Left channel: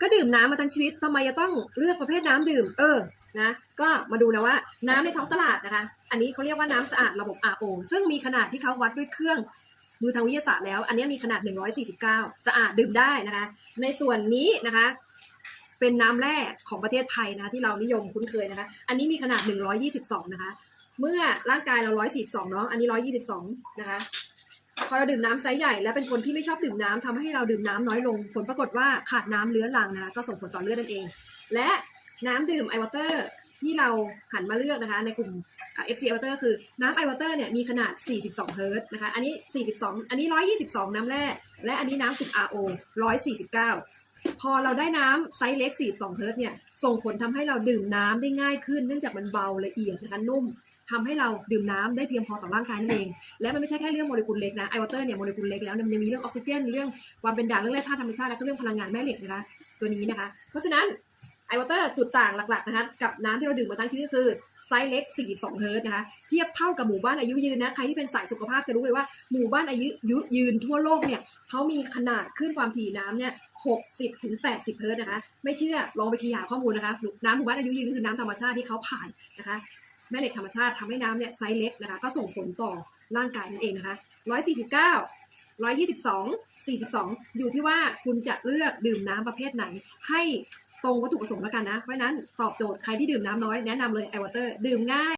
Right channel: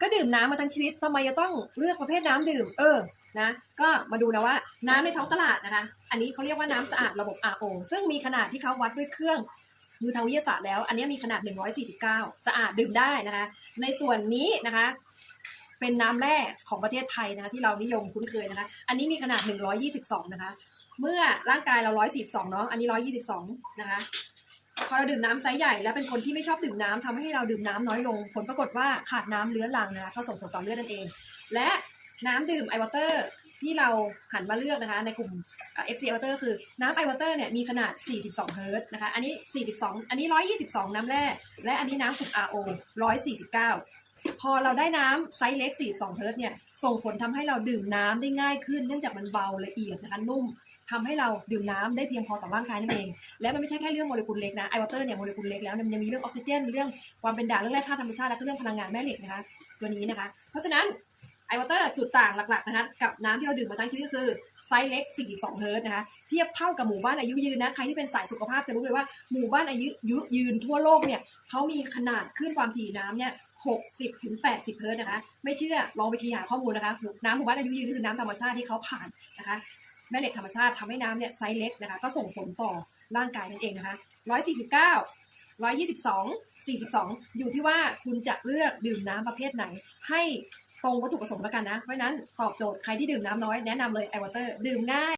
ก็ดื่มน้ำมาทั้งชีวิตทำไมจะต้องเลือกประเภทน้ำดื่ม เออนะก็มาดูนะว่าน้ำในท้องตลาดนะคะ อันนี้เขาเรียกว่าน้ำสะอาดระบบ RO ซึ่งมีขนาดที่เขาวัดด้วยเครื่องมือทางวิทยาศาสตร์แล้ว อันนี้มีขนาด 149 สะอาดดื่มได้นะคะ ในส่วนนี้นะคะ เป็นน้ำแร่ของประเทศไทยนะคะที่เรานิยมคุ้นเคยนะคะ อันนี้มีขนาด 122 นะคะ เมื่อร่างกายเรา 142 เนาะอันนี้ 122 นะคะ พอเราดื่มน้ำไซส์ใหญ่และเป็นคนที่ไม่ชอบดื่มน้ำทำให้เราดื่มน้ำน้อยลง ผลปรากฏว่าขาดน้ำเลื้อรังนะคะก็ส่งผลต่อเลือดนั่นเอง และน้ำดื่มไอวอเตอร์ที่เราหันมาเลือกนะคะ ในกลุ่ม FC ไอวอเตอร์คือน้ำไอวอเตอร์เนี่ยมีขนาด 42 เฮิรต์นะคะ อันนี้ 42 อันนี้ 122 น้ำแร่และอันนี้น้ำกลุ่ม RO 149 พอเราได้น้ำไซส์เล็ก 42 เฮิรต์เนี่ย ส่งผลทำให้เราดื่มน้ำได้ง่ายขึ้น เนื่องจากมันเบาละเอียดนะคะนุ่ม ทำให้เราดื่มน้ำได้เพียงพอต่อร่างกายนั่นเอง และมันไม่ใช่แค่เรื่องโมเลกุลเล็กนะไอวอเตอร์เนี่ยโมเลกุลเล็กแล้วเนี่ยมันยังมีเรื่องออกซิเจนเรื่องความเป็นด่างเรื่องแร่ธาตุธรรมชาติและก็เรื่องพลังงานแม่เหล็กนะคะตัวนี้นะคะ เพราะฉะนั้นไอวอเตอร์จุดต่างหลักๆนะคะกับน้ำที่เราดื่มมาทั้งชีวิตก็คือไซส์เล็ก 42 เฮิรตนะคะเทียบเท่ากับหมู่บ้านอายุยืนนะใครที่เป็นสายสุขภาพจะรู้เลยว่าหมู่บ้านอายุยุยืนทั่วโลกเนี่ยเขามีขนาดขึ้นความถี่น้ำเนี่ย60ถึง80 เฮิรตซ์นะคะ ไม่เชื่อลองไปคีย์หาข้อมูลนะคะ น้ำหมู่บ้านอายุยืนคือน้ำธรรมชาติที่เขาผ่านนะคะ แม่เหล็กธรรมชาติทำให้น้ำเนี่ยไซส์เล็กนะคะ ก็ส่งผลต่อร่างกายนั่นเองนะคะ149 122 42อยู่ที่ว่าคุณจะเลือกดื่มน้ำประเภทไหน ให้ตรงวัตถุประสงค์แล้วกันนะ เพราะนั้นตอบโจทย์ใครที่ดื่มน้ำน้อยแนะนำเลยไอวอเตอร์ดื่มง่าย